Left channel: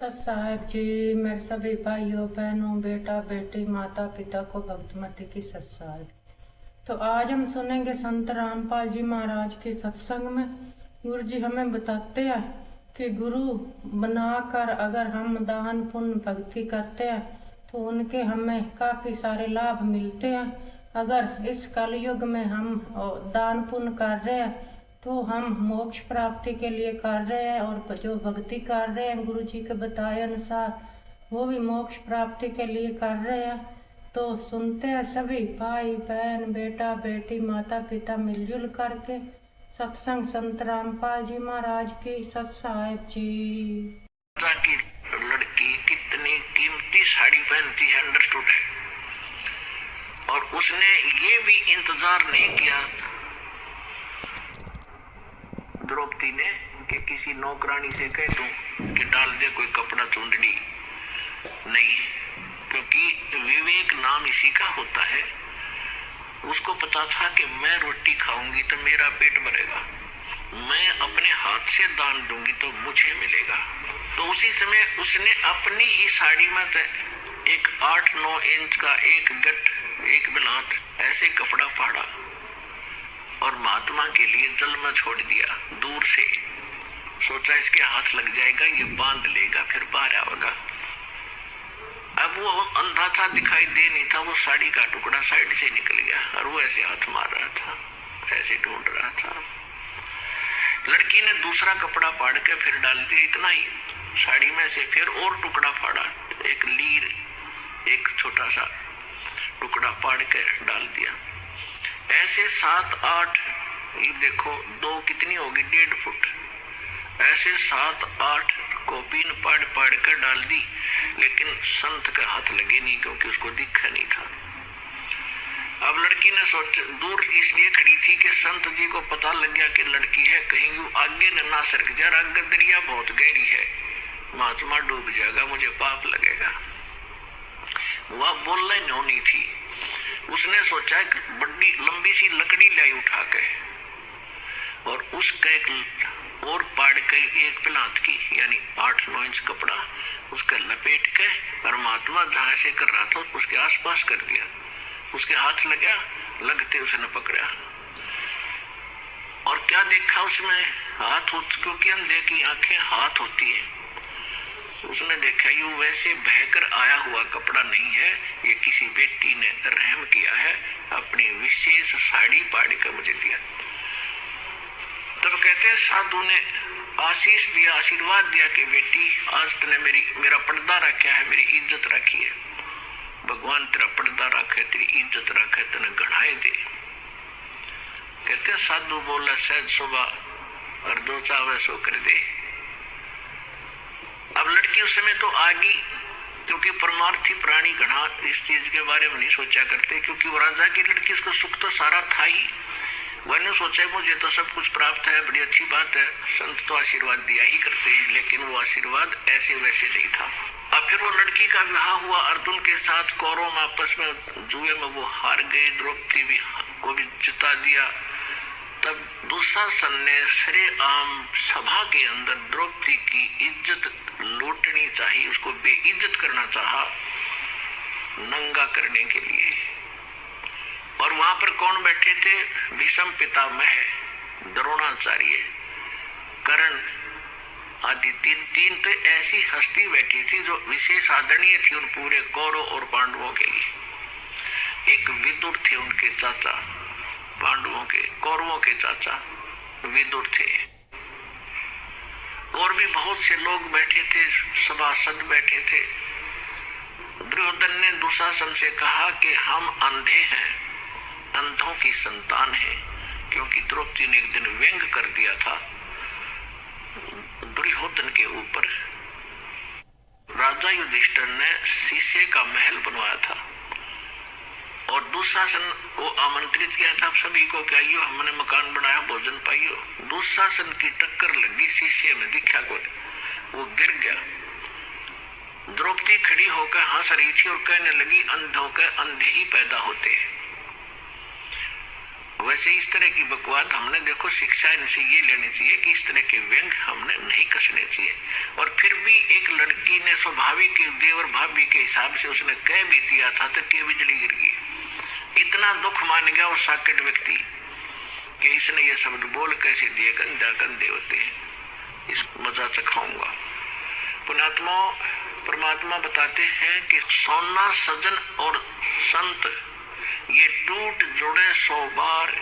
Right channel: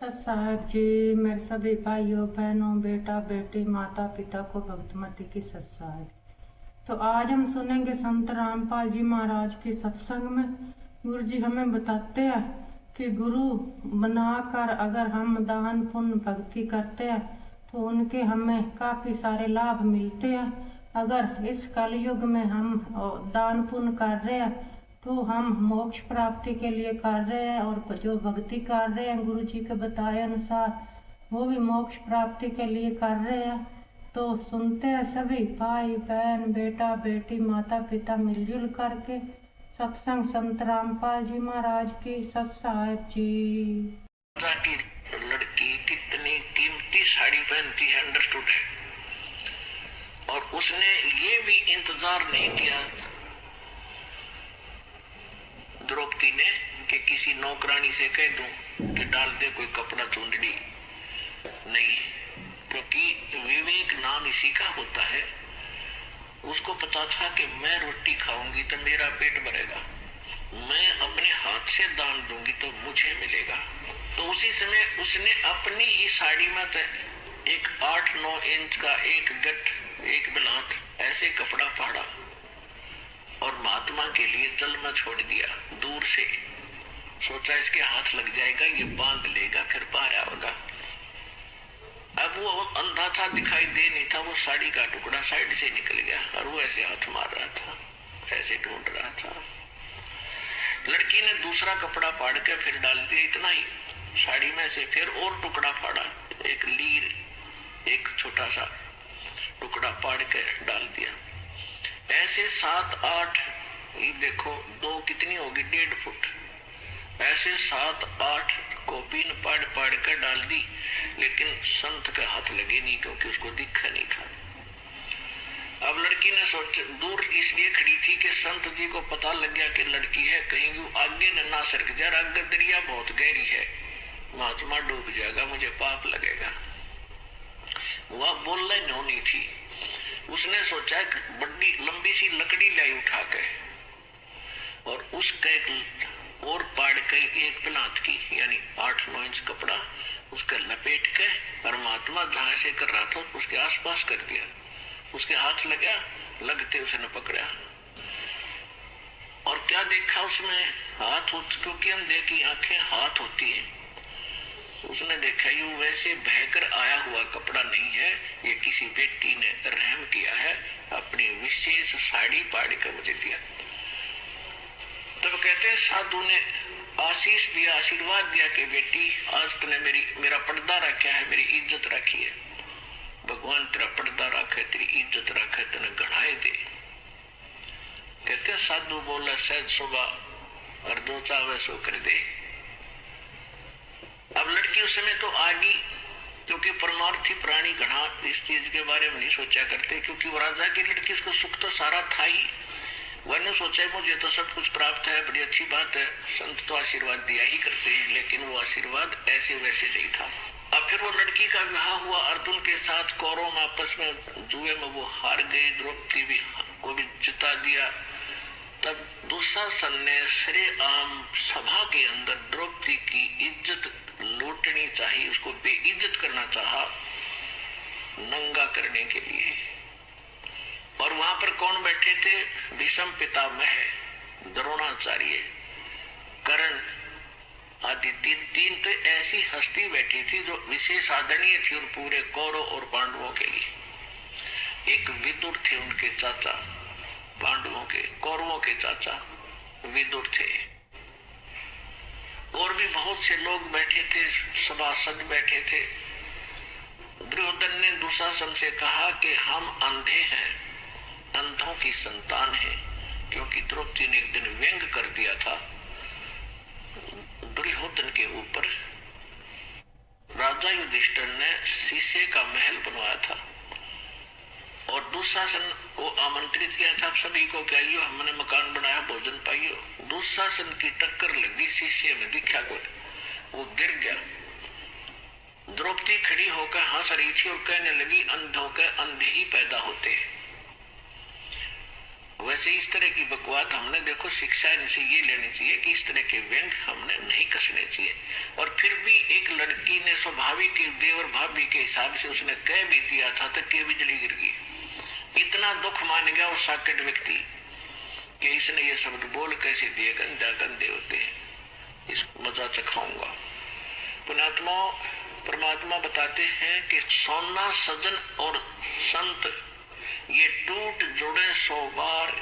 तो साहब जी, मेरे सभी भाइयों बहनों बेटा बेटी माता पिता को भक्तमती की सत साहब। तो आज हम सुनेंगे संत रामपाल जी महाराज की सत्संग में गुरु जी हमें बताते हैं कि गुरु बनाकर अगर हम दान पुण्य भक्ति करते हैं तो उनके हमें काफ़ी सारे लाभ मिलते हैं। अगर इस कलयुग में हम दान पुण्य कर रहे हैं तो हम मोक्ष प्राप्ति के लिए कर रहे हैं, और जो भक्ति कर रहे हैं गुरु जी के बताए अनुसार वो भी मोक्ष प्राप्ति के लिए कर रहे हैं। तो सुनते हैं सभी भाई बहन बेटा बेटी माता पिता मिलजुल करके सत्संग संत रामपाल जी महाराज की सत साहिब जी। की लड़की कितनी कीमती साड़ी पहनती है अंडरस्टूड है, और उसने ये भी इंतजार नहीं किया द्रौपदी ने कि किसी नौकरानी से कह दूं कि डाल दे कोई कपड़ा चुंदड़ी, नहीं, क्योंकि विवेक नाम इसी का होता है। उसको पता था कि मैं रोटी खाऊंगी तो मेरा पेट भरेगा, मैं अपने हाथ से दान दूंगी तो मुझे मिलेगा। तो उसी समय उसने अपनी ही साड़ी में एक 8-9 इंच का एक गट एक बिलात ऐसे कपड़ा फाड़ा और महात्मा के लिए जल में छोड़ दिया। दूर से सोचा इसके हाथ लग जाएगा, ये बांध लेगा फिर बाहर आएगा। अब वो अंधा था, दिखाई दे नहीं था, वो साड़ी का टुकड़ा साइड से निकल गया और वो ऐसे हाथ मार रहा था, ऐसे ढूंढ रहा था। लड़की ने दूसरा कपड़ा फाड़ के फिर डाल दिया, इतना ही साड़ी में से फिर और टुकड़ा फाड़ा, एक लीर एक छोटा सा टुकड़ा फाड़ के डाल दिया। ऐसे 7-8, ये देखो 2 कितनी होगी 1.5 फुट, ऐसे 7-8 कॉपीन पाड़ कर डाल दी, लेकिन संत का हाथ लगे नहीं क्योंकि उसको दिखा नहीं था। अब लड़की ने सोच दूर इसलिए खड़ी थी कि संत जी को पता लग गया कि लड़की है, कहीं वो आगे न सरक जाए, आगे दरिया बहुत गहरी है, महात्मा डूब जाएगा, मुझे पाप लगेगा। वह बोलना नहीं थी। उसने सोचा कि बड़ी लंबी सी लकड़ी लाई उठा के और उसका एक और पाड़ के एक पिलात की यानी 8-9 इंच कपड़ा उसका लपेट के और महात्मा जहां से कर रहा था उसके आसपास कर दिया। उसके हाथ लगा, लगते उसने पकड़ा और क्या देखा उसमें हाथ, क्योंकि अंधे की आंखें हाथ होती है। उसने देखा ये वैसे बहकर आया हुआ कपड़ा नहीं है, ये किसी बेटी ने रहम किया है, अपनी विशेष साड़ी पाड़ कर मुझे दिया। तब कहते हैं साधु ने आशीष दिया, आशीर्वाद दिया कि बेटी आज तूने मेरा पर्दा रखा है, मेरी इज्जत रखी है, भगवान तेरा पर्दा रखे, तेरी इज्जत रखे, तेने गढ़ाए दे। कहते हैं साधु बोला सहज सुबह और 2 चावे सो कर दे। अब लड़की उस समय तो आ गई, क्योंकि परमार्थी प्राणी घना इस चीज के बारे में नहीं सोचा करते, क्योंकि वो राजा की लड़की, उसको सुख तो सारा था ही, वह सोचा मुझे तो सब कुछ प्राप्त है, बड़ी अच्छी बात है, संत तो आशीर्वाद दिया ही करते हैं, लेकिन वो आशीर्वाद ऐसे वैसे नहीं था। अब फिर वो लड़की का विवाह हुआ अर्जुन के साथ, कौरव में आपस में जुए में वो हार गई, द्रौपदी भी को भी जिता दिया। तब दुशासन ने श्रेआम सभा के अंदर द्रौपदी की इज्जत लूटनी चाहिए, उसको बेइज्जत करना चाहा नंगा करने के लिए। और वहां पर कौन बैठे थे? भीष्म पितामह, द्रोणाचार्य, कर्ण आदि तीन तो ऐसी हस्ती बैठी थी जो विशेष आदरणीय थी और पूरे कौरव और पांडवों के लिए। एक विदुर थे, उनके चाचा, पांडवों के कौरवों के चाचा विदुर थे, और भी बहुत से लोग बैठे थे, सभासद बैठे थे। दुर्योधन ने दुशासन से कहा कि हम अंधे हैं, अंधों की संतान है, क्योंकि द्रौपदी ने एक दिन व्यंग कर दिया था दुर्योधन के ऊपर। राजा युधिष्ठिर ने शीशे का महल बनवाया था और दुशासन को आमंत्रित किया था सभी को कि आइयो हमने मकान बनाया, भोजन पाइयो। दुशासन की टक्कर लगी, शीशे में दिखा को वो गिर गया। द्रौपदी खड़ी होकर हंस रही थी और कहने लगी अंधों के अंधे ही पैदा होते हैं। वैसे इस तरह की बकवाद हमने देखो शिक्षा इनसे ये लेनी चाहिए कि इस तरह के व्यंग हमने नहीं कसने चाहिए। और फिर भी एक लड़की ने स्वाभाविक देवर भाभी के हिसाब से उसने कह भी दिया था तो के बिजली गिर गई। इतना दुख मान गया वो साकेट व्यक्ति कि इसने ये शब्द बोल कैसे दिए, गंदा गंदे होते हैं, इस मजा चखाऊंगा। पुण्यात्मा परमात्मा बताते हैं कि सोना सजन और संत ये टूट जुड़े 100 बार,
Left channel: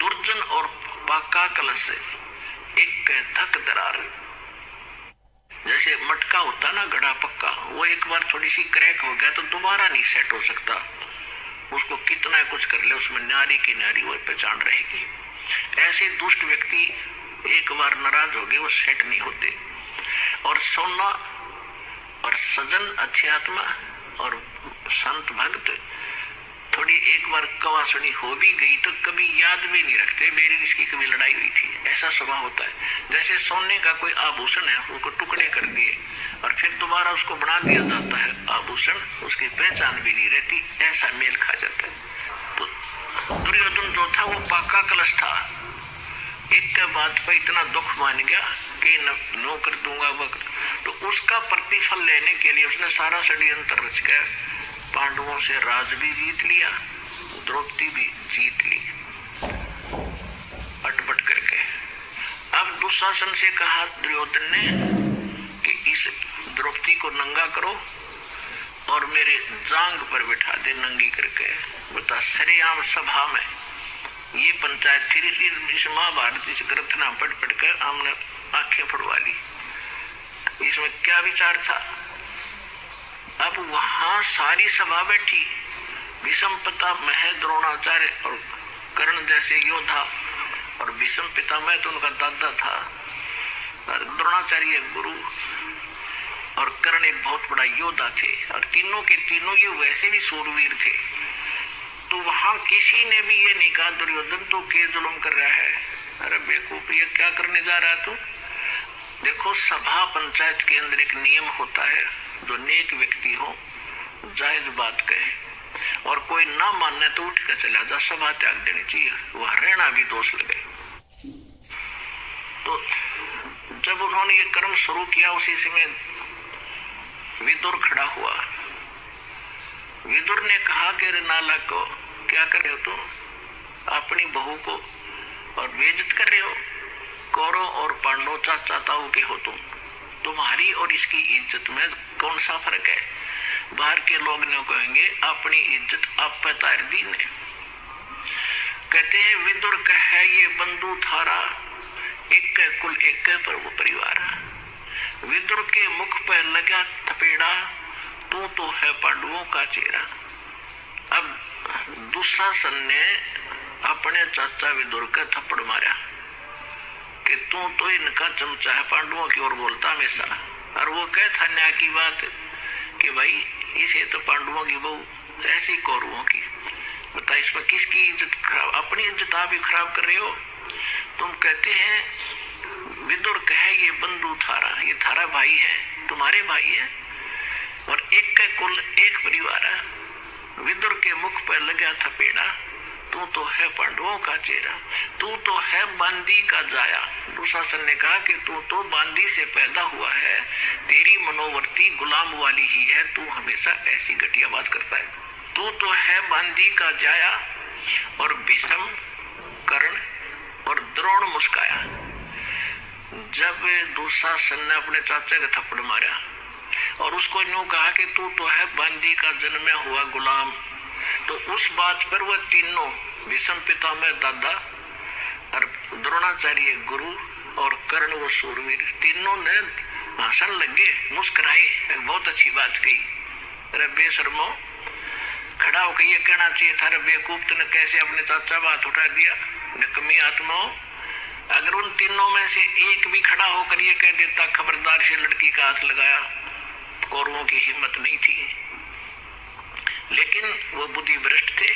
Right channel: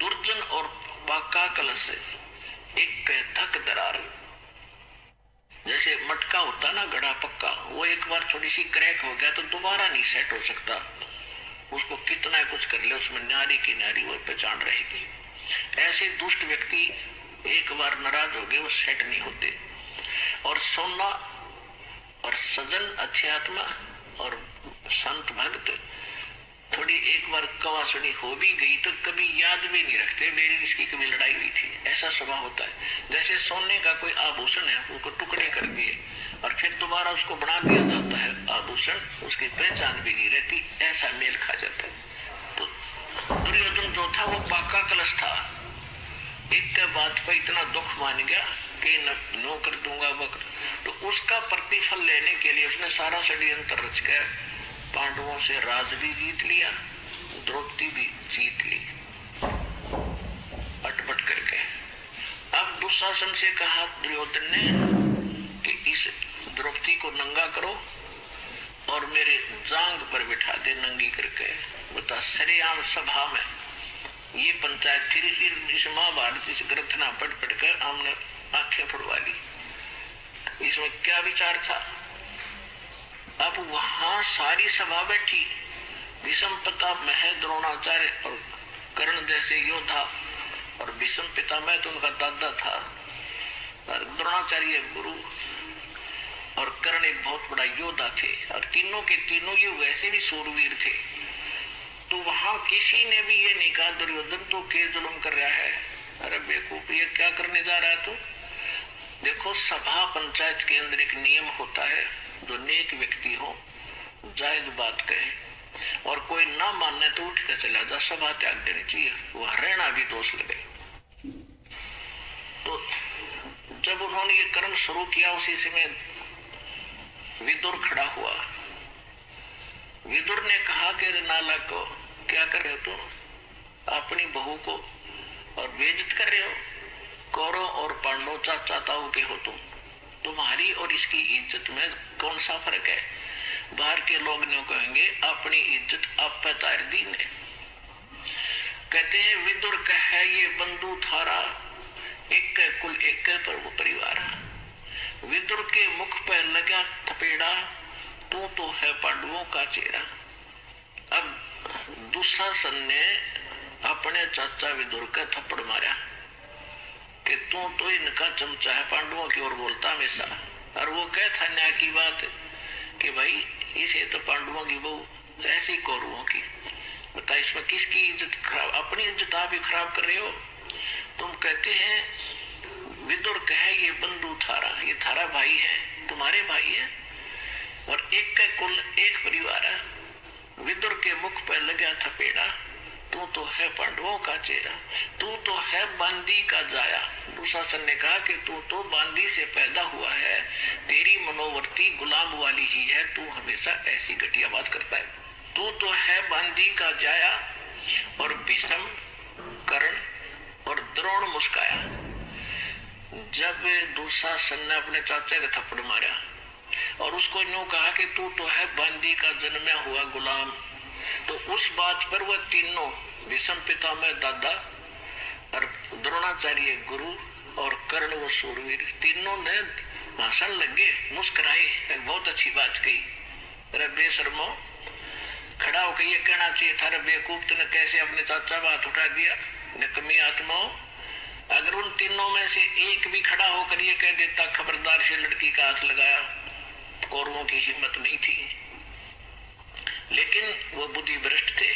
दुर्जन और पाका कलश एक धक दरार। जैसे मटका होता ना घड़ा पक्का, वो एक बार थोड़ी सी क्रैक हो गया तो दोबारा नहीं सेट हो सकता, उसको कितना कुछ कर ले उसमें नारी की नारी वो पहचान रहेगी। ऐसे दुष्ट व्यक्ति एक बार नाराज हो गए वो सेट नहीं होते। और सोना और सजन अच्छी आत्मा और संत भक्त थोड़ी एक बार कवा सुनी हो भी गई तो कभी याद भी नहीं रखते मेरी इसकी कभी लड़ाई हुई थी, ऐसा स्वभाव होता है। जैसे सोने का कोई आभूषण है उनको टुकड़े कर दिए और फिर दोबारा उसको बना दिया जाता है आभूषण, उसकी पहचान भी नहीं रहती, ऐसा मेल खा जाता है। तो दुर्योधन जो था वो पाका कलश था, एक के बात पर इतना दुख मान गया कि नो कर दूंगा वक्त, तो उसका प्रतिफल लेने के लिए उसने सारा षड्यंत्र रच कर पांडवों से राज भी जीत लिया, द्रौपदी भी जीत ली अटपट करके। अब दुशासन से कहा दुर्योधन ने कि इस द्रौपदी को नंगा करो और मेरे जांग पर बिठा दे नंगी करके। बता सरेआम सभा में ये पंचायत थी, इस महाभारत इस ग्रंथ ना पढ़ पढ़ कर हमने आंखें फुड़वा ली, इसमें क्या विचार था। अब वहां सारी सभा बैठी, भीष्म पितामह मह द्रोणाचार्य और कर्ण जैसे योद्धा, और भीष्म पितामह तो उनका दादा था, और द्रोणाचार्य गुरु और कर्ण एक बहुत बड़ा योद्धा थे, और तीनों के तीनों ये वैसे भी सूरवीर थे। तो वहां किसी ने भी ये नहीं कहा दुर्योधन तो के जुल्म कर रहा है, अरे बेवकूफ ये क्या करने जा रहा है तू। देखो सभा पंचायत के अंदर एक नियम होता है, जो नेक व्यक्ति हो जायज बात कहे और कोई ना मानने तो उठ कर चला जा, सभा त्याग देनी चाहिए, वह रहना भी दोष लगे। तो जब उन्होंने ये कर्म शुरू किया उसी समय विदुर खड़ा हुआ। विदुर ने कहा कि नाला को क्या कर रहे हो तुम, अपनी बहू को और बेइज्जत कर रहे हो, कौरव और पांडव चाचा ताऊ के हो तुम, तुम्हारी और इसकी इज्जत में कौन सा फर्क है। बाहर के लोग ने कहेंगे अपनी इज्जत आप पे तार दी ने। कहते हैं विदुर कहे ये बंधु थारा, एक कुल एक पर वो परिवार। विदुर के मुख पर लगा थपेड़ा, तू तो है पांडवों का चेहरा। अब दुशासन ने अपने चाचा विदुर का थप्पड़ मारा कि तू तो इनका चमचा है, पांडवों की ओर बोलता हमेशा। और वो कह था न्याय की बात कि भाई इसे तो पांडवों की बहू ऐसी कौरवों की, बता इसमें किसकी इज्जत खराब, अपनी इज्जत आप ही खराब कर रहे हो। तुम कहते हैं विदुर कहे ये बंधु थारा, ये थारा भाई है, तुम्हारे भाई है और एक का कुल एक परिवार है। विदुर के मुख पर लगा थपेड़ा, तू तो है पांडवों का चेहरा, तू तो है बांदी का जाया। दुशासन ने कहा कि तू तो बांदी से पैदा हुआ है, तेरी मनोवृत्ति गुलाम वाली ही है, तू हमेशा ऐसी घटिया बात करता है। तू तो है बांदी का जाया। और भीष्म कर्ण और द्रोण मुस्काया। जब दुशासन ने अपने चाचा का थप्पड़ मारा और उसको यूं कहा कि तू तो है बांदी का जन्मा हुआ गुलाम, तो उस बात पर वह तीनों भीष्म पितामह दादा और द्रोणाचार्य गुरु और कर्ण वो सूरवीर तीनों ने भाषण लगे, मुस्कुराए, बहुत अच्छी बात कही। अरे बेशर्मो, खड़ा होकर ये कहना चाहिए था बेवकूफ तूने कैसे अपने चाचा बात उठा दिया, निकम्मी आत्माओं। अगर उन तीनों में से एक भी खड़ा होकर ये कह देता खबरदार से लड़की का हाथ लगाया, कौरवों की हिम्मत नहीं थी। लेकिन वो बुद्धि भ्रष्ट थे।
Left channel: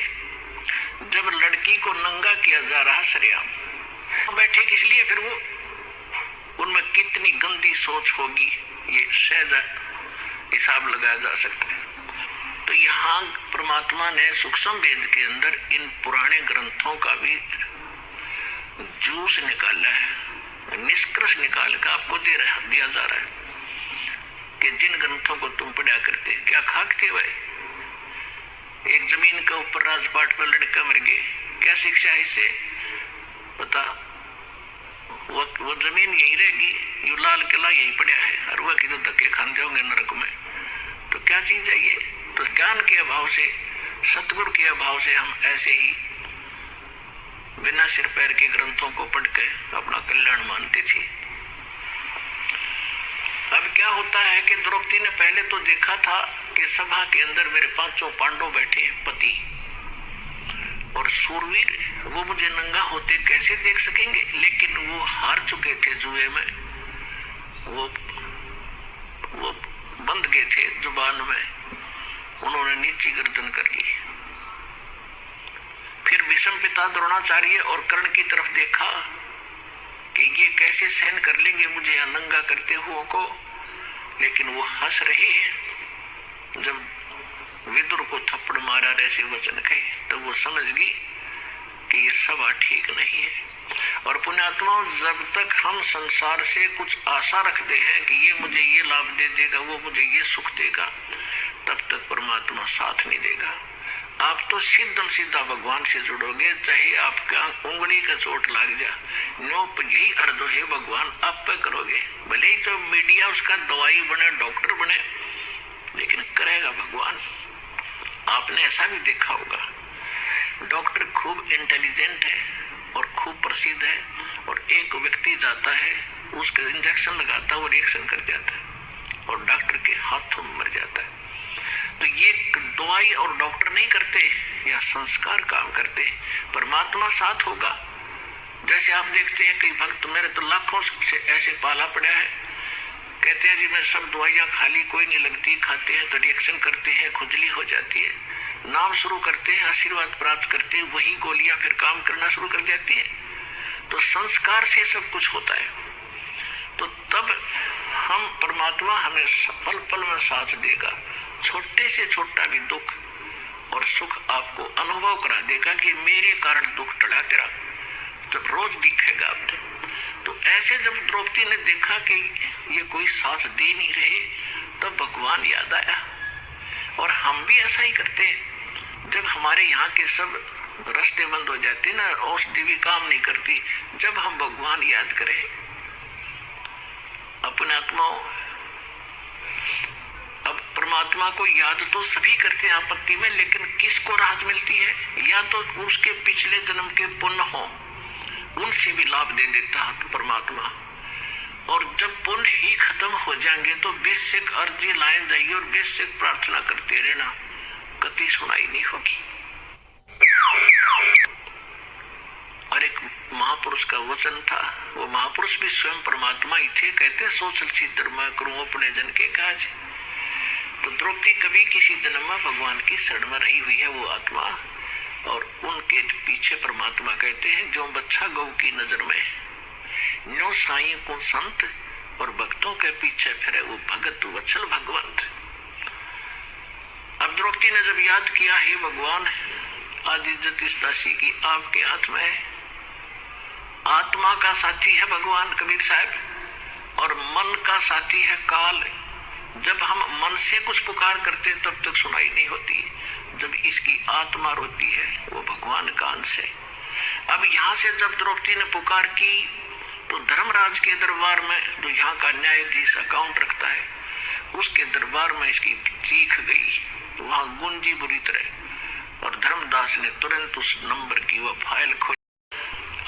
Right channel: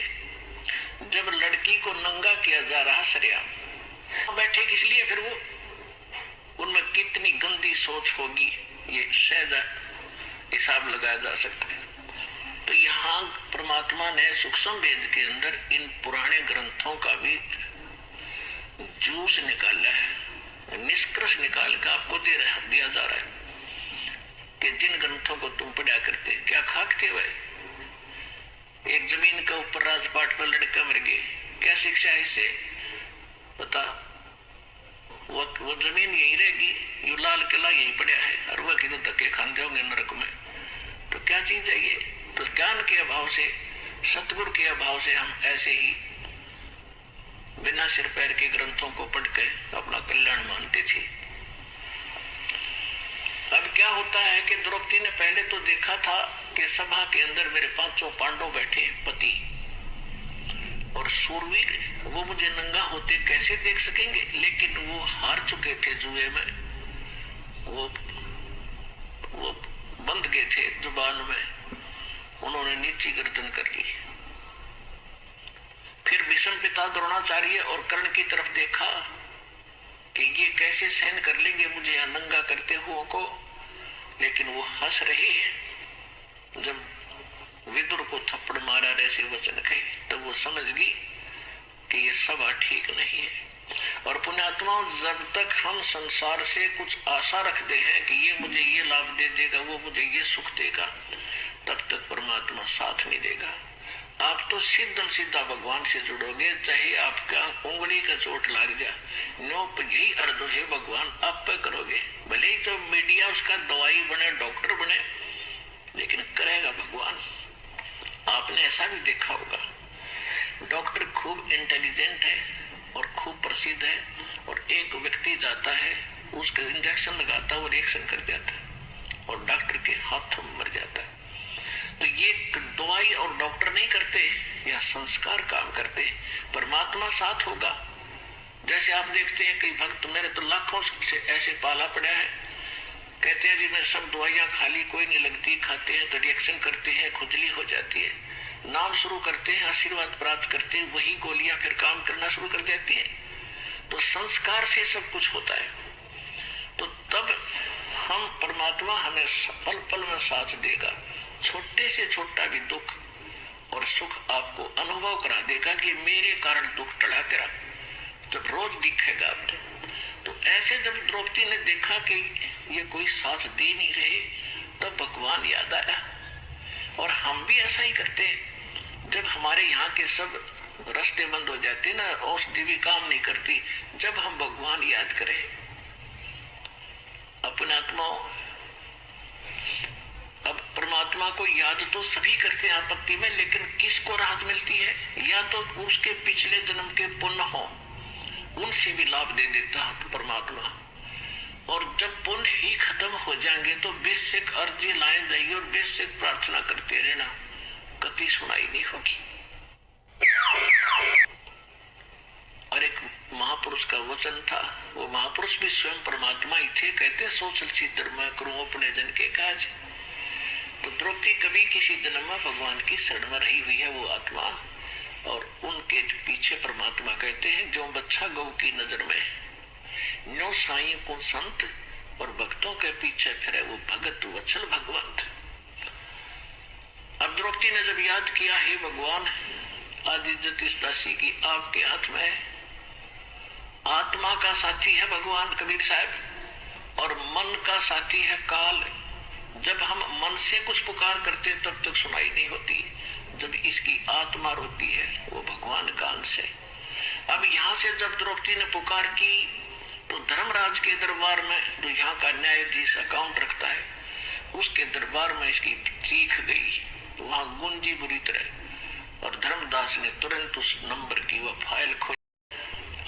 जब लड़की को नंगा किया जा रहा सरेआम बैठे, किस लिए फिर वो उनमें कितनी गंदी सोच होगी ये सहज हिसाब लगाया जा सकता है। तो यहाँ परमात्मा ने सूक्ष्म वेद के अंदर इन पुराने ग्रंथों का भी जूस निकाला है, निष्कर्ष निकाल कर आपको दिया जा रहा है कि जिन ग्रंथों को तुम पढ़ा करते क्या खाकते भाई। एक जमीन के ऊपर राजपाट पर लड़का मर गए, क्या शिक्षा है इससे? बता, वो जमीन यही रहेगी, यू लाल किला यही पड़ा है और वह किधर धक्के खाते होंगे नरक में। तो क्या चीज है ये? तो ज्ञान के अभाव से, सतगुण के अभाव से हम ऐसे ही बिना सिर पैर के ग्रंथों को पढ़कर अपना कल्याण मानते थे। अब क्या होता है कि द्रौपदी ने पहले तो देखा था कि सभा के अंदर मेरे 5 पांडव बैठे, पति और सूरवीर, वो मुझे नंगा होते कैसे देख सकेंगे? लेकिन वो हार चुके थे जुए में, वो बंद गए थे जुबान में, उन्होंने नीची गर्दन कर ली। फिर भीष्म पिता द्रोणाचार्य और कर्ण की तरफ देखा कि ये कैसे सहन कर लेंगे मुझे यहाँ नंगा करते हुए को, लेकिन वो हंस रहे हैं। जब विदुर को थप्पड़ मारा ऐसे वचन कहे तो वो समझ गई कि ये सभा ठीक नहीं है। और पुण्यात्माओं, जब तक हम संसार से कुछ आशा रखते हैं कि ये मुझे ये लाभ दे देगा, वो मुझे ये सुख देगा, तब तक परमात्मा साथ नहीं देगा। आप तो सीधम सीधा भगवान से जुड़ोगे, चाहे आपका उंगली का चोट लग जा, नो यही अर्ज है भगवान आप पे करोगे। भले ही तो मीडिया उसका दवाई बने, डॉक्टर बने, लेकिन करेगा भगवान। आपने ऐसा भी देखा होगा, डॉक्टर खूब इंटेलिजेंट है और खूब प्रसिद्ध है, और एक व्यक्ति जाता है, उसका इंजेक्शन लगाता है, वो रिएक्शन कर जाता है और डॉक्टर के हाथों में मर जाता है। तो ये दवाई और डॉक्टर नहीं करते, या संस्कार काम करते, परमात्मा साथ होगा। जैसे आप देखते हैं कई भक्त, मेरे तो लाखों से ऐसे पाला पड़ा है, कहते हैं जी मैं सब दवाइयाँ खा ली, कोई नहीं लगती, खाते हैं तो रिएक्शन करते हैं, खुजली हो जाती है, नाम शुरू करते हैं, आशीर्वाद प्राप्त करते हैं, वही गोलियां फिर काम करना शुरू कर देती है। तो संस्कार से सब कुछ होता है। तो तब हम परमात्मा हमें पल पल में साथ देगा। छोटे से छोटा भी दुख और सुख आपको अनुभव करा देगा कि मेरे कारण दुख टला तेरा, जब रोज दिखेगा आपको। तो ऐसे जब द्रौपदी ने देखा कि ये कोई साथ दे नहीं रहे, तब भगवान याद आया। और हम भी ऐसा ही करते हैं, जब हमारे यहाँ के सब रास्ते बंद हो जाते ना, औषधि भी काम नहीं करती, जब हम भगवान याद करें अपने आत्माओं। अब परमात्मा को याद तो सभी करते हैं आपत्ति में, लेकिन किसको राहत मिलती है? या तो उसके पिछले जन्म के पुण्य हो, उनसे भी लाभ दे देता है परमात्मा। और जब पुण्य ही खत्म हो जाएंगे तो बेसिक अर्जी लाए जाइए और बेसिक प्रार्थना करते रहना, कति सुनाई नहीं होगी। और एक महापुरुष का वचन था, वो महापुरुष भी स्वयं परमात्मा ही थे, कहते सोचल चित्र मैं करूं अपने जन के काज। तो द्रौपदी कभी किसी जन्म में भगवान की शरण में रही हुई है वो आत्मा, और उनके पीछे परमात्मा कहते हैं जो बच्चा गौ की नजर में, नो साई को संत और भक्तों के पीछे फिरे वो भगत वत्सल भगवंत। अब द्रौपदी ने जब याद किया, हे भगवान आदि इज्जत इस दासी की आपके हाथ में है, आत्मा का साथी है भगवान कबीर साहब, और मन का साथी है काल। जब हम मन से कुछ पुकार करते तब तक सुनाई नहीं होती, जब इसकी आत्मा रोती है वो भगवान का अंश है। अब यहाँ से जब द्रौपदी ने पुकार की तो धर्मराज के दरबार में, जो यहाँ का न्यायाधीश अकाउंट रखता है, उसके दरबार में इसकी चीख गई, तो वहां गुंजी बुरी तरह। और धर्मदास ने तुरंत उस नंबर की वह फाइल खोली,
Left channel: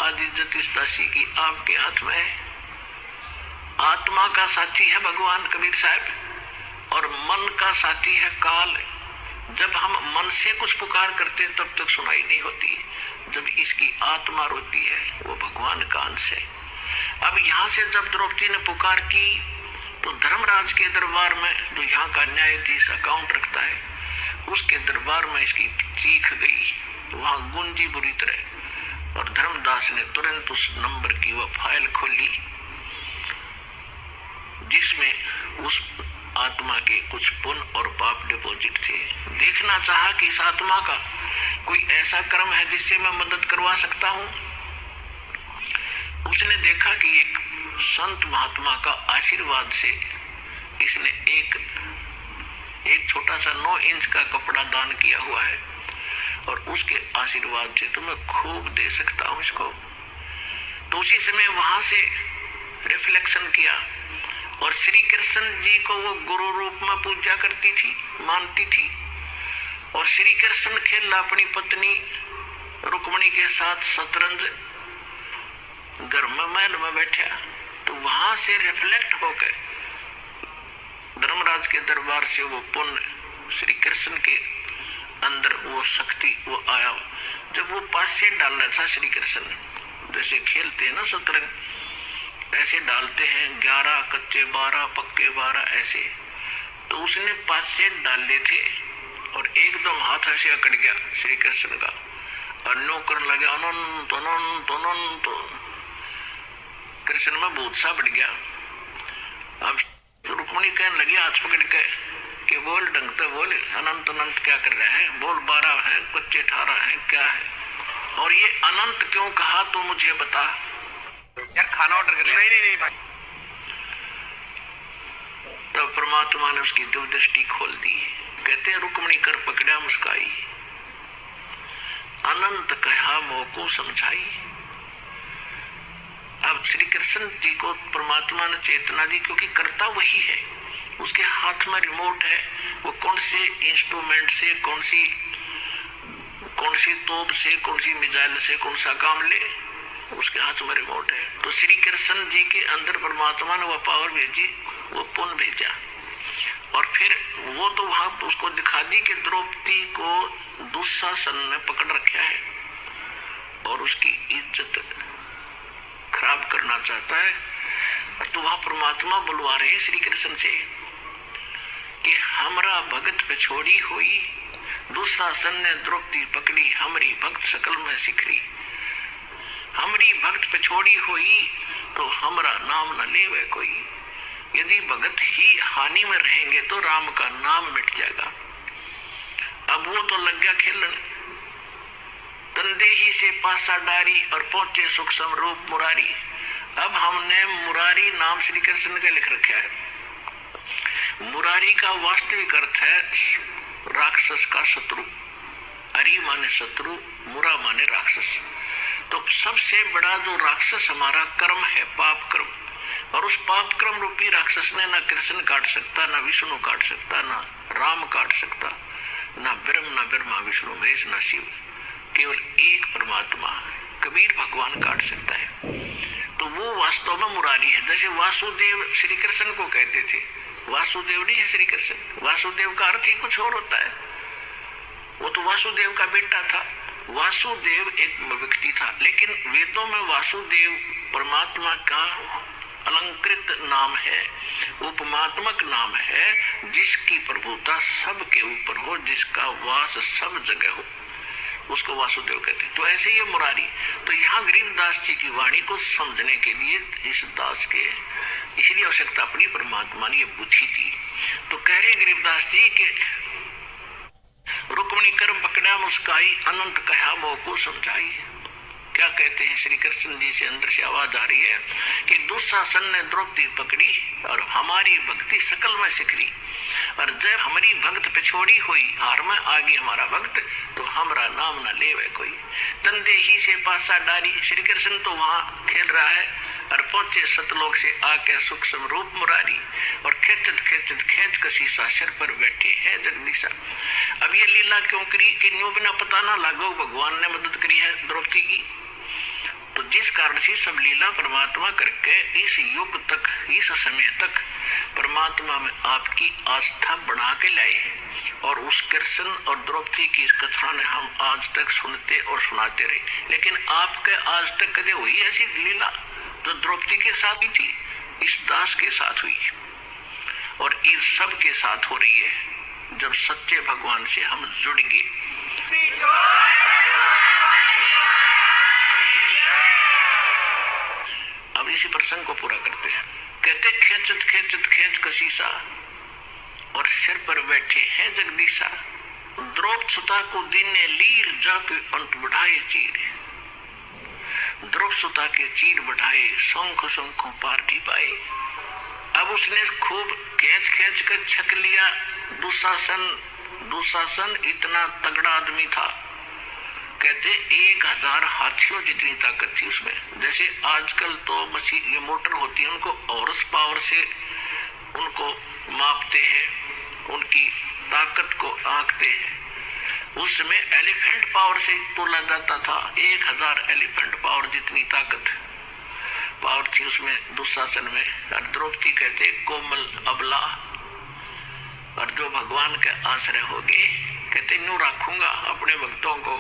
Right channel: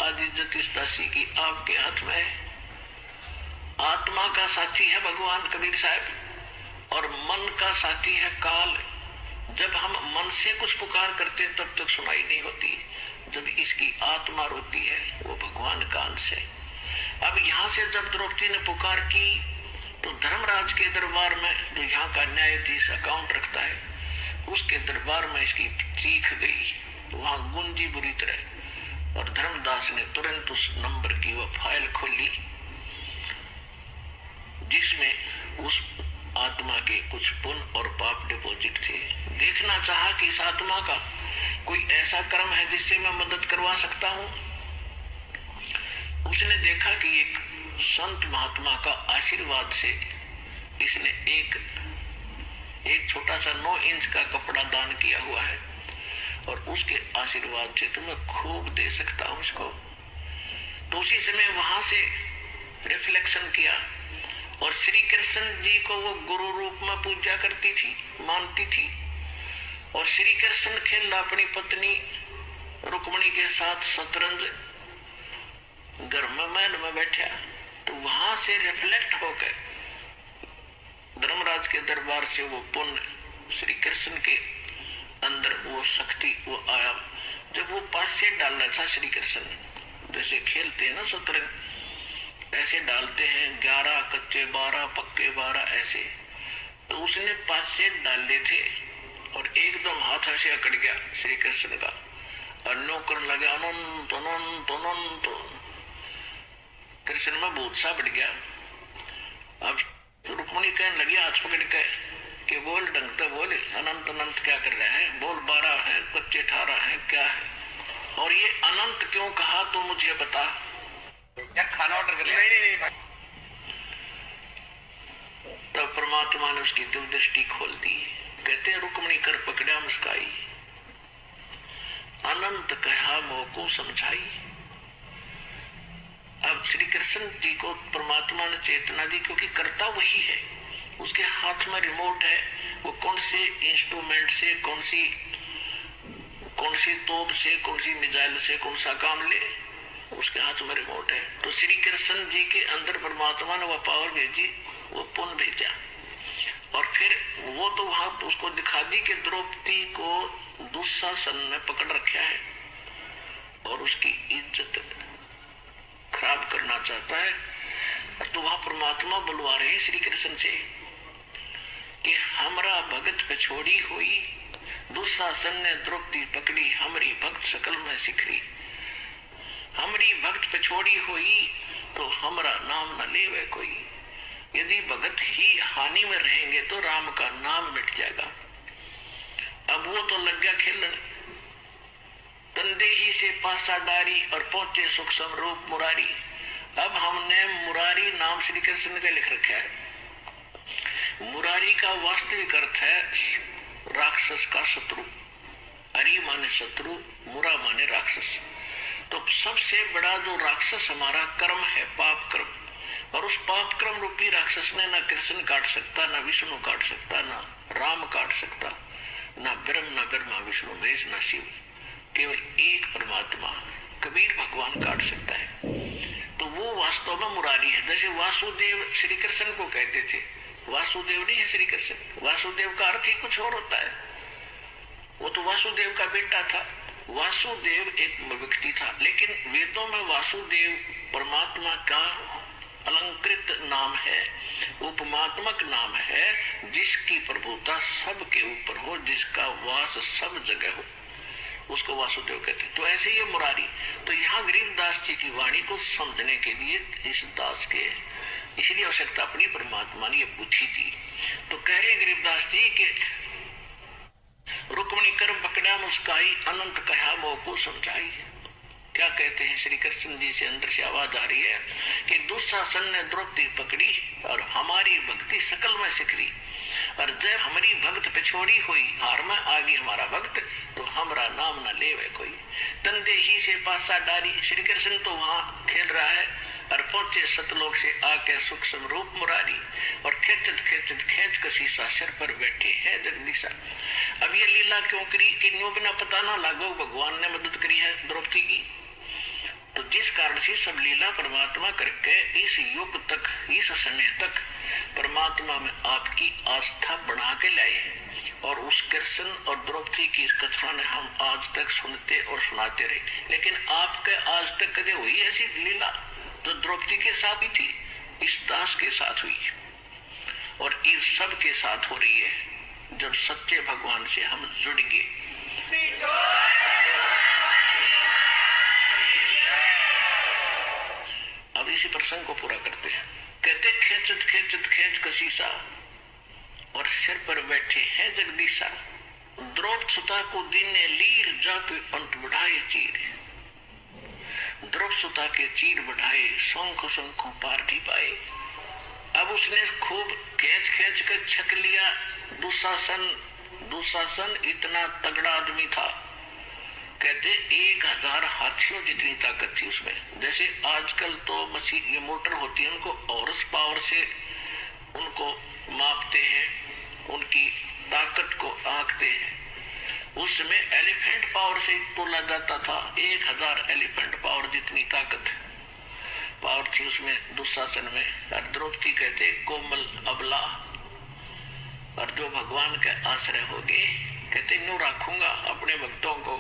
आदि इज्जत इस दासी की आपके हाथ में है, आत्मा का साथी है भगवान कबीर साहब और मन का साथी है काल। जब हम मन से कुछ पुकार करते तब तक सुनाई नहीं होती, जब इसकी आत्मा रोती है वो भगवान का अंश है। अब यहाँ से जब द्रौपदी ने पुकार की तो धर्मराज के दरबार में, जो यहाँ का न्यायाधीश अकाउंट रखता है, उसके दरबार में इसकी चीख गई, तो वहां गुंजी बुरी तरह। और धर्मदास ने तुरंत उस नंबर की वह फाइल खोली जिसमें उस आत्मा के कुछ पुण्य और पाप डिपॉजिट थे। देखना चाहा कि इस आत्मा का कोई ऐसा कर्म है जिससे मैं मदद करवा सकता हूँ। उसने देखा कि एक संत महात्मा का आशीर्वाद से इसने एक छोटा सा 9 इंच का कपड़ा दान किया हुआ है और उसके आशीर्वाद से तो मैं खूब दे सकता हूँ इसको। तो उसी समय वहां से रिफ्लेक्शन किया और श्री कृष्ण जी को वो गुरु रूप में पूजा करती थी, मानती थी। और श्री कृष्ण खेल अपनी पत्नी रुक्मणी के साथ शतरंज घर में महल में बैठा, तो वहां से रिफ्लेक्ट होकर धर्मराज के दरबार से वो पुण्य श्री कृष्ण के अंदर वो शक्ति वो आया। जब वो पासे डाल रहा था श्री कृष्ण, जैसे खेलते हैं ना शतरंज, ऐसे डालते हैं 11 कच्चे 12 पक्के 12 ऐसे, तो उसने पासे डाले थे और एकदम हाथ ऐसे अकड़ गया श्री कृष्ण का और नो करने लगे अनंत अनंत अनंत। कृष्ण में भूत सा बढ़ गया। अब रुक्मणी कहने लगी हाथ पकड़ के कि बोल ढंग से बोल, अनंत अनंत क्या कर रहे हैं, बोल 12 है कच्चे 18 है क्या है, और ये अनंत क्यों कहा तो मुझे बता। यार खाना ऑर्डर कर। नहीं भाई। तब परमात्मा ने उसकी दिव्य दृष्टि खोल दी। कहते हैं रुक्मणी कर पकड़ा मुस्काई, अनंत कहा मोह को समझाई। अब श्री कृष्ण जी को परमात्मा ने चेतना दी, क्योंकि करता वही है, उसके हाथ में रिमोट है। वो कौन से इंस्ट्रूमेंट से कौन सी तोप से कौन सी मिसाइल से कौन सा काम ले, उसके हाथ में रिमोट है। तो श्री कृष्ण जी के अंदर परमात्मा ने वो पावर भेजी, वो पुण्य भेजा, और फिर वो तो वहां उसको दिखा दी कि द्रौपदी को दुशासन ने पकड़ रखा है और उसकी इज्जत खराब करना चाहता है। तो वहां परमात्मा बुलवा रहे हैं श्री कृष्ण से कि हमरा भगत पे छोड़ी हुई दुशासन ने द्रौपदी पकड़ी, हमारी भक्त सकल में सिखरी। हमारी भक्त पे छोड़ी हुई तो हमारा नाम न लेवे कोई। यदि भगत ही हानि में रहेंगे तो राम का नाम मिट जाएगा। अब वो तो लग गया खेलन, तंदे ही से पासा डारी और पहुंचे सूक्ष्म रूप मुरारी। अब हमने मुरारी नाम श्री कृष्ण का लिख रखा है। मुरारी का वास्तविक अर्थ है राक्षस का शत्रु। अरि माने शत्रु, मुरा माने राक्षस। तो सबसे बड़ा जो राक्षस हमारा कर्म है, पाप कर्म, और उस पाप क्रम रूपी राक्षस ने ना कृष्ण काट सकता, ना विष्णु काट सकता, ना राम काट सकता, ना ब्रह्म ना ब्रह्मा विष्णु महेश ना शिव, केवल एक परमात्मा कबीर भगवान काट सकता है। तो वो वास्तव में मुरारी है। जैसे वासुदेव श्री कृष्ण को कहते थे, वासुदेव नहीं है श्री कृष्ण, वासुदेव का अर्थ ही कुछ और होता है। वो तो वासुदेव का बेटा था। वासुदेव एक व्यक्ति था, लेकिन वेदों में वासुदेव परमात्मा का अलंकृत नाम है, उपमात्मक नाम है, जिसकी प्रभुता सबके ऊपर हो, जिसका वास सब जगह हो, उसको वासुदेव कहते हैं। तो ऐसे ही मुरारी। तो यहाँ गरीबदास जी की वाणी को समझने के लिए इस दास के इसलिए आवश्यकता पड़ी, परमात्मा ने ये बुद्धि दी। तो कह रहे गरीबदास जी के रुक्मणी कर्म पकड़ा मुस्काई, अनंत कहा मोह को समझाई। क्या कहते हैं श्री कृष्ण जी से अंदर से आवाज आ रही है कि दुशासन ने द्रौपदी पकड़ी और हमारी भक्ति सकल में सिखरी, और जब हमारी भक्त पे छोड़ी हुई हार में आ गई हमारा भक्त, तो हमारा नाम न लेवे कोई। तंदे ही से पासा डारी। श्री कृष्ण तो वहां खेल रहा है और पहुंचे सतलोक से आके सूक्ष्म रूप मुरारी, और खेचत खेचत खेच कसीसा सिर पर बैठे हैं जगदीशा। अब ये लीला क्यों करी कि न्यू बिना पता ना लागो भगवान ने मदद करी है द्रौपदी की। तो जिस कारण से सब लीला परमात्मा करके इस युग तक, इस समय तक परमात्मा में आपकी आस्था बढ़ा के लाए हैं, और उस कृष्ण और द्रौपदी की इस कथा ने हम आज तक सुनते और सुनाते रहे। लेकिन आपके आज तक कदे हुई ऐसी लीला जो द्रौपदी के साथ ही थी, इस दास के साथ हुई, और इस सब के साथ हो रही है जब सच्चे भगवान से हम जुड़ गए। अब इसी प्रसंग को पूरा करते हैं। कहते खेचत खेचत खेच कसीसा, और सिर पर बैठे हैं जगदीशा। द्रौपद सुता को दीने लीर जाके अंत बढ़ाए चीर। द्रौपद सुता के चीर बढ़ाए शंख शंखों पार भी पाए। अब उसने खूब खींच खींच कर छक लिया। दुशासन इतना तगड़ा आदमी था, कहते 1000 हाथियों जितनी ताकत थी उसमें। जैसे आजकल तो मशीन ये मोटर होती है, उनको हॉर्स पावर से उनको मापते हैं, उनकी ताकत को आंकते हैं। उसमें एलिफेंट पावर से तोला जाता था। 1000 एलिफेंट पावर जितनी ताकत पावर थी उसमें दुशासन में। और द्रौपदी कहते कोमल अबला, और जो भगवान का आश्रय होगे, कहते न्यू रखूंगा अपने भक्तों को।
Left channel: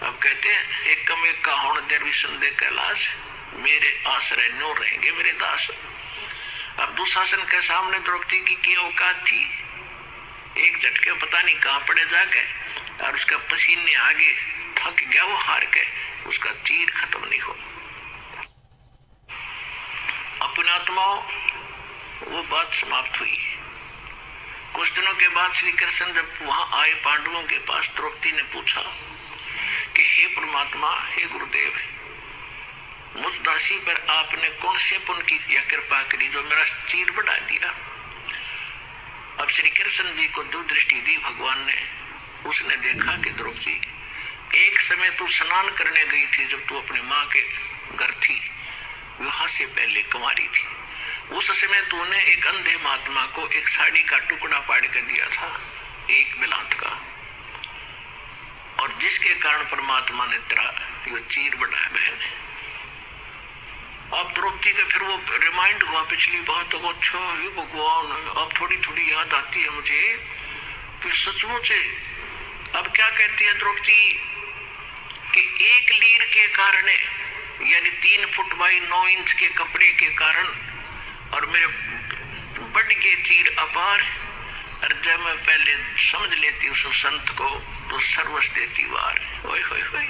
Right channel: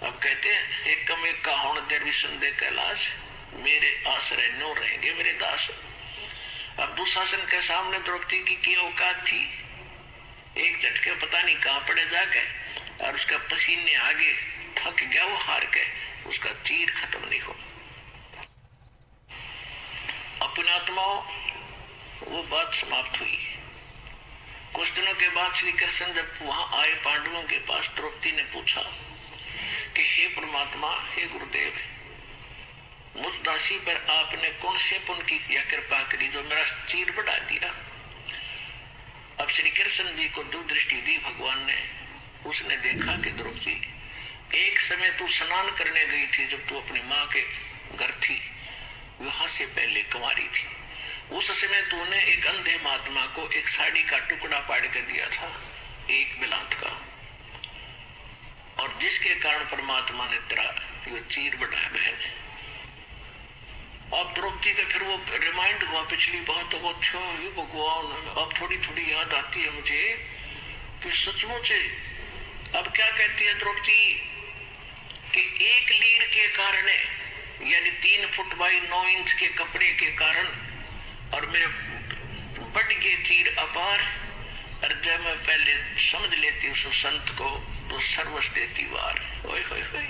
अब कहते एक कम एक का होण देवी संदेह कैलाश, मेरे आश्रय न्यू रहेंगे मेरे दास। अब दुशासन के सामने द्रौपदी की क्या औकात थी। एक झटके पता नहीं कहां पड़े जाके, और उसका पसीने आगे थक गया, वो हार के उसका चीर खत्म नहीं हो। अपने आत्माओं वो बात समाप्त हुई। कुछ दिनों के बाद श्री कृष्ण जब वहां आए पांडवों के पास, द्रौपदी ने पूछा कि हे परमात्मा, हे गुरुदेव, मुझ दासी पर आपने कौन से पुण्य की यह कृपा करी जो मेरा चीर बढ़ा दिया। अब श्री कृष्ण जी को दो दृष्टि दी भगवान ने। उसने देखा कि द्रौपदी, एक समय तू स्नान करने गई थी जब तू अपनी माँ के घर थी, विवाह से पहले कुंवारी थी। उस समय तूने एक अंधे महात्मा को एक साड़ी का टुकड़ा पाड़ कर दिया था, एक बिलांत का, और जिसके कारण परमात्मा ने तेरा ये चीर बढ़ाया बहन। अब द्रौपदी का फिर वो रिमाइंड हुआ पिछली बात, तो अच्छा ये भगवान, अब थोड़ी थोड़ी याद आती है मुझे कि सचमुच अब क्या कहती है द्रौपदी कि एक लीर के कारण, यानी 3 फुट बाई 9 इंच के कपड़े के कारण, और मेरे बढ़ के चीर अपार। और जब मैं पहले समझ लेती उस संत को तो सर्वस्व देती वार। ओए होए होए।